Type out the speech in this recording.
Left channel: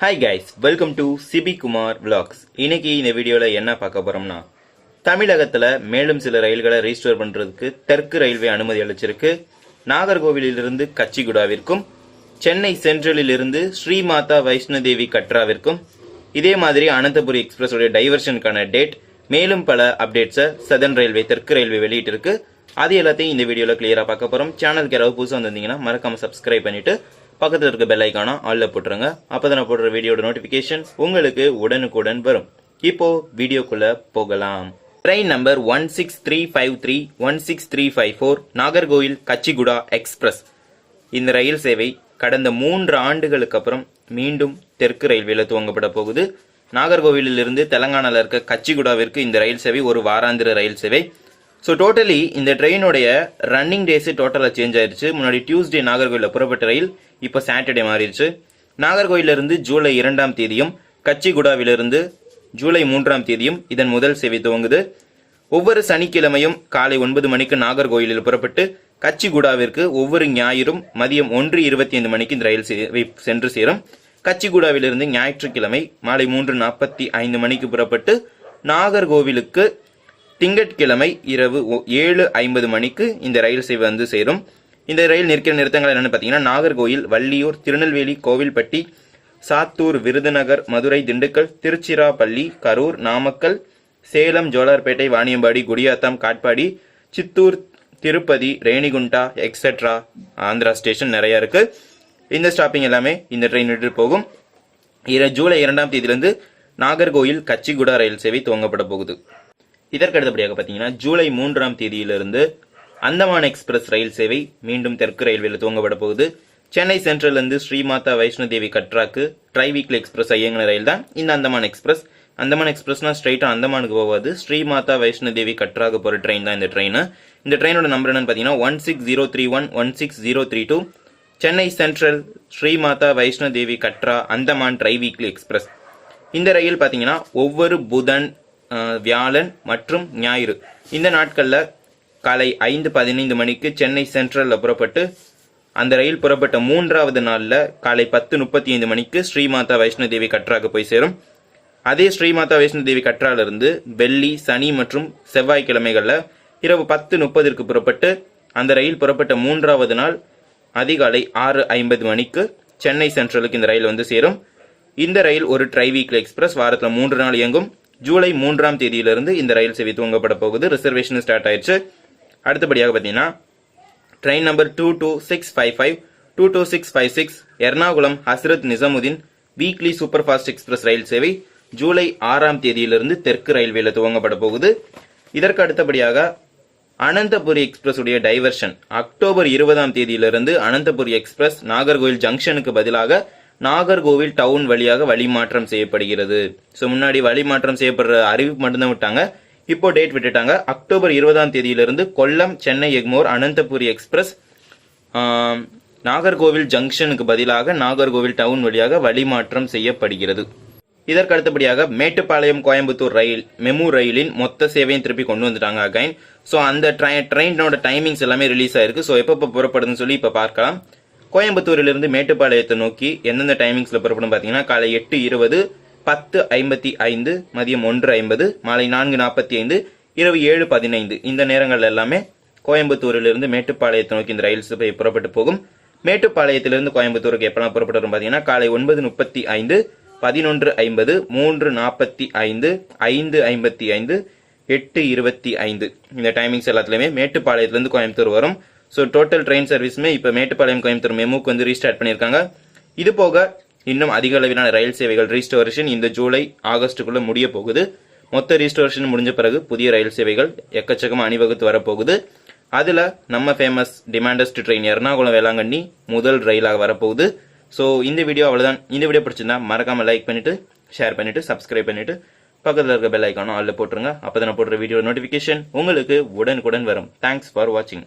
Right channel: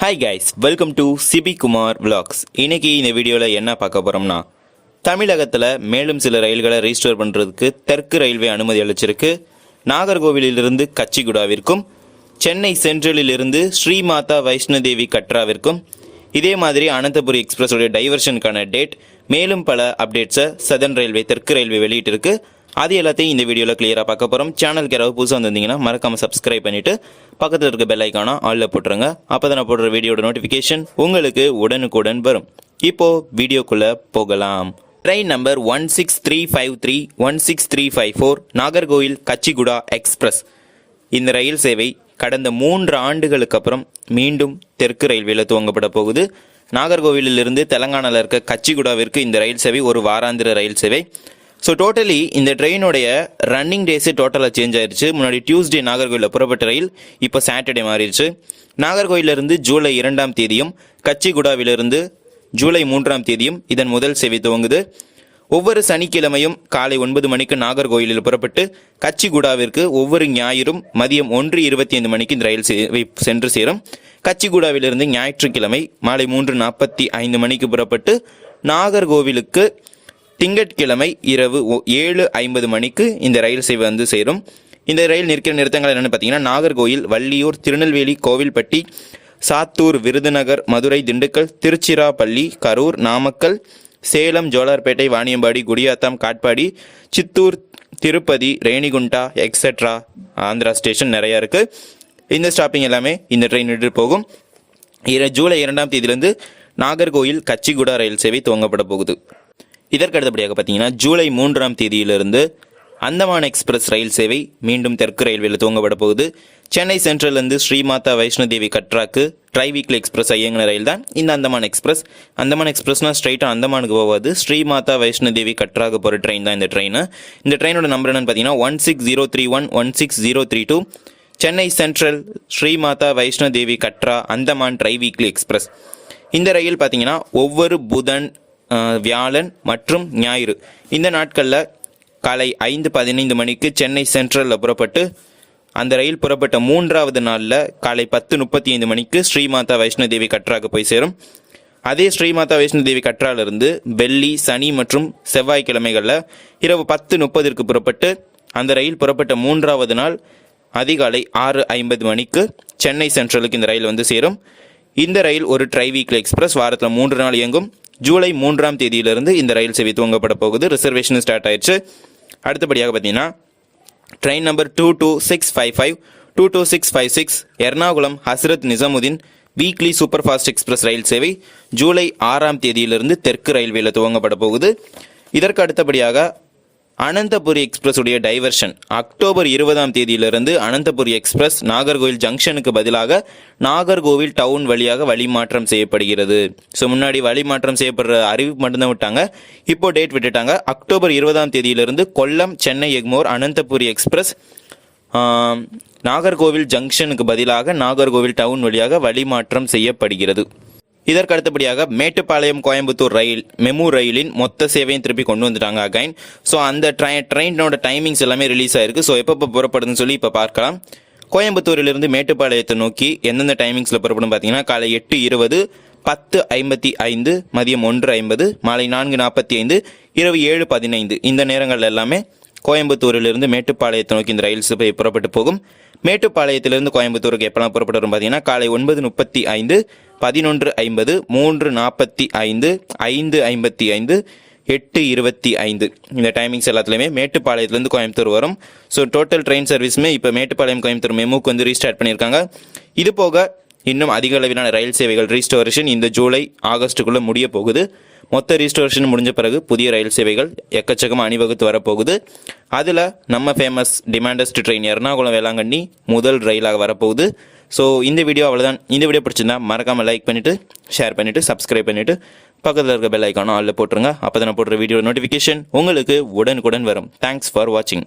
Hi guys, welcome to Sibi Kumar vlogs. இன்னைக்கு இந்த வீடியோல என்ன பார்க்க போறோம்னா தமிழகத்துல மேலும் சில ரயில்களை ரீஸ்டோர் பண்றதுக்கு தெற்கு ரயில்வே அனுமதி அளிச்சிருக்கு. நாகர்கோவிலிலிருந்து கச்சிகுடாவிற்கும் சென்னை சென்ட்ரலில் இருந்து ஸ்ரீமாதா வைஷ்ணோ தேவி கட்ராவிற்கும் இதே மாதிரி அனந்தபுரி எக்ஸ்பிரஸ் உடைய டைவர்ஷனுக்கான டேட் மேலும் பல அப்டேட்ஸை சதர்ன் ரயில்வே தெற்கு ரயில்வே வெளியிட்டிருக்கு. அது எல்லாத்தையும் இந்த வீடியோவில் கிளியராக பார்க்க போகிறோம். சேனலுக்கு யாராவது புதுசாக வந்திருந்தீங்கன்னா மறக்காமல் சப்ஸ்கிரைப் பண்ணிவிட்டு பக்கத்தில் இருக்க பெல் ஐக்கானை ஆலில் போட்டுருங்க. அப்போ தான் நான் போடுற வீடியோட நோட்டிஃபிகேஷன் உங்களுக்கு உடனுக்குடன் வரும். இப்போது வீடியோக்குள்ளே போகலாம். Train number 16353 16354 Nagercoil Kacheguda express. இந்த ரயில் சேவை கடந்த 3 ஆண்டுகளுக்கு அப்புறம் மீண்டும் தெற்கு ரயில்வேல துவங்கப்பட போகுது. நாகர்கோவிலிருந்து தெலங்கானாவில் இருக்க கச்சிகுடாவிற்கு இந்த ரயில் சேவை ஒரு வாராந்திர ரயில் சேவை. ஸோ டோட்டலி இந்த ட்ரெயினுடைய ரன்னிங் டேஸு டோட்டலாக சேஞ்ச் ஆயிடுச்சு. முன்னாடி டியூஸ்டே நாகர்கோயிலில் புறப்பட்ட ரயில் இப்போ சாட்டர்டே மாறிடுச்சு. நாகர்கோயிலிருந்து ஜூலை 2ஆம் தேதியும் கச்சிகுடாவிலிருந்து ஜூலை 3ஆம் தேதியும் இதன் முதல் சேவை துவங்குது. ஒவ்வொரு சனிக்கிழமையும் காலை 9 மணிக்கு நாகர்கோயிலில் புறப்பட்டு கச்சிகுடாவிற்கு ஒவ்வொரு ஞாயிறும் மதியம் 1:25 மணிக்கு இந்த ரயில் சேவை சென்று சேரும். கச்சிகுடாவிலிருந்து ஞாயிற்றுக்கிழமை மாலை 3:45 மணிக்கு புறப்பட்டு நாகர்கோவிலுக்கு திங்கட்கிழமை இரவு 7:50 மணிக்கு இந்த ரயில் சேவை வந்து சேரும். இந்த ரயில் நிற்கிற நிறுத்தங்கள் என்னென்னு பார்த்தீங்கன்னா நாகர்கோயில், வள்ளியூர், திருநெல்வேலி, கோவில்பட்டி, சாத்தூர், விருதுநகர், மதுரை, திண்டுக்கல், திருச்சிராப்பள்ளி, கரூர், நாமக்கல், சேலம், ஜோலார்பேட்டை, வாணியம்பாடி, குடியாத்தம், காட்பாடி, சித்தூர், திருப்பதி, ரேணிகுண்டா எக்ஸெட்ரா. ஆந்திரா ஸ்டேஷன் நிறையா இருக்குது. இந்த ஸ்டாப்பிங் எல்லாமே இந்த ட்ரெயின் விட்டு போகும். ஜூலை 2ஆம் தேதியிலிருந்து நாகர்கோயில் கச்சிகுடா ரயில் சேவை துவங்கப்பட போகுது. இதற்கு அடுத்தபடியாக பார்த்தீங்கன்னா ஜூலை 3ஆம் தேதியிலிருந்து அந்தமான் எக்ஸ்பிரஸ் ரயில் சேவை மீண்டும் தெற்கு ரயில்வேல துவங்கப்பட போகுது. சென்னை சென்ட்ரல்லேருந்து ஸ்ரீமாதா வைஷ்ணோ தேவி கட்ராக்கு ட்ரைவீக்லி எக்ஸ்பிரஸ் இயங்கின ரயில் தான் இந்த அந்தமான் எக்ஸ்பிரஸ். அந்தமான் எக்ஸ்பிரஸ்னால் ஸ்ட்ரைட்டாக அந்தமானுக்கு போகாது, ஸ்ரீமாதா வைஷ்ணோ தேவி கட்ராக்கு போகிற ட்ரெயின் தான் இந்த ட்ரெயின். இந்த ட்ரெயினோட நம்பர் என்னன்னு பார்த்தீங்கன்னா 16031 16032. Chennai central Srimatha Vaishno Devi Katra Andaman ட்ரைவீக்லி express. இந்த ரயில் பார்த்தீங்கன்னா ஒவ்வொரு புதன், வியாழன் மற்றும் ஞாயிறு இந்த நாட்களில் காலை 5:15 மணிக்கு சென்னை சென்ட்ரலில் புறப்பட்டு அந்த ரயில் புறப்பட்ட 3ஆவது நாளில் காலை 10:35 மணிக்கு ஸ்ரீமாதா வைஷ்ணோ தேவி கட்ராக்கு போய் சேரும். அதே ஸ்ரீமாதா வைஷ்ணோ தேவி கட்ராலிருந்து வெள்ளி, சனி மற்றும் செவ்வாய்க்கிழமைகளில் இரவு 10:30 புறப்பட்டு அந்த ரயில் புறப்பட்ட 3ஆவது நாள் அதிகாலை 6:50 மணிக்கு சென்னை சென்ட்ரலுக்கு இந்த ரயில் வந்து சேரும். இந்த ரயில் ஒரு ட்ரைவீக்லி எக்ஸ்பிரஸ். வாரத்தில் 3 நாள் இயங்கும். ஜூலை 3ஆம் தேதியிலிருந்து இந்த ரயில் சேவை துவங்கப்பட போகுது. ரிசர்வேஷன் ஸ்டார்ட் ஆயிடுச்சு. அடுத்தபடியாக பார்த்தீங்கன்னா train number 22655 22656 Ernakulam Hazrat Nizamuddin weekly super fast express ரயில் சேவை ஜூலை 6ஆம் தேதியிலிருந்து தெற்கு ரயில்வேல துவங்கப்பட போகுது. இதற்கு அடுத்தபடியாக அனந்தபுரி எக்ஸ்பிரஸ் உடைய டைவர்ஷன் அக்டோபர் 20ஆம் தேதியிலிருந்து அனந்தபுரி எக்ஸ்பிரஸ் நாகர்கோவில் ஜங்ஷனுக்கு பதிலாக நாகர்கோவில் டவுன் வழியாக வழிமாற்றம் செய்யப்படுகிறது. ஸோ முன்னாடி வழிமாற்றம் செய்யப்படுற அறிவிப்பு மட்டும்தான் விட்டாங்க, இப்போ டேட் விட்டுட்டாங்க. அக்டோபர் 20ஆம் தேதியிலிருந்து கொல்லம், சென்னை எக்மோர் அனந்தபுரி எக்ஸ்பிரஸ் நாகர்கோவில் ஜங்ஷனுக்கு பதிலாக நாகர்கோவில் டவுன் வழியாக வழிமாற்றம் செய்யப்படுகிறது. இதற்கு அடுத்தபடியாக மேட்டுப்பாளையம் கோயம்புத்தூர் ரயில் மெமு ரயிலின் மொத்த சேவையும் திருப்பி கொண்டு வந்துட்டாங்க அகைன். ஸோ அந்த ட்ரெயினோட டைமிங்ஸ் எல்லாமே ரிலீஸ் ஆயிருக்கு. ஸோ எப்போ புறப்படுதுன்னு சொல்லி இப்போ பார்க்கலாம். கோயம்புத்தூரிலிருந்து மேட்டுப்பாளையத்தை நோக்கி எந்தெந்த டைமிங்ஸில் புறப்படும் பார்த்தீங்கன்னா காலை 8:20, 10:55, மதியம் 1:50, மாலை 4:45, இரவு 7:15 இந்த நேரங்கள் எல்லாமே கோயம்புத்தூரிலிருந்து மேட்டுப்பாளையத்தை நோக்கி இந்த ரயில் சேவை புறப்பட்டு போகும். மேட்டுப்பாளையத்திலிருந்து கோயம்புத்தூருக்கு எப்பெல்லாம் புறப்பட்டு வரும் பார்த்தீங்கன்னா காலை 9:35, 11:50, 3:45, 5:55, 8:25 இந்த டைமிங்ஸ் எல்லாத்துலேயுமே மேட்டுப்பாளையத்துலேருந்து கோயம்புத்தூர் வரும். ஸோ டோட்டல் ட்ரெயின் சர்வீஸுமே இப்போ மேட்டுப்பாளையம் கோயம்புத்தூர் மெமுக்கு வந்து ரீஸ்டார்ட் பண்ணியிருக்காங்க. இது போக இன்னும் அதிக அளவிலான ரயில் சேவைகள் ரீஸ்டோரேஷன் இந்த ஜூலை ஆகஸ்ட்டுக்குள்ளே முடிய போகுது. மொத்த ரீஸ்டோரேஷன் முடிஞ்ச பிறகு புதிய ரயில் சேவைகள் எக்கச்சக்கமாக அணிவகுத்து வரப்போகுது. அதில் நம்ம ஃபேமஸ் டிமாண்டஸ்ட் ட்ரெயின் எர்ணாகுளம் வேளாங்கண்ணி முதல் ரயிலாக வரப்போகுது. ஸோ இந்த வீடியோ அவ்வளோதான். இந்த வீடியோ பிடிச்சிருந்தா மறக்காமல் லைக் பண்ணிவிட்டு ஷேர் பண்ணிவிட்டு சப்ஸ்கிரைப் பண்ணிவிட்டு பக்கத்தில் இருக்க பெல் ஐக்கானும் ஆலில் போட்டுருங்க. அப்போ தான் நான் போடுற வீடியோ நோட்டிஃபிகேஷன் உங்களுக்கு உடனுக்குடன் வரும். தேங்க்ஸ் ஃபார் வாட்சிங்.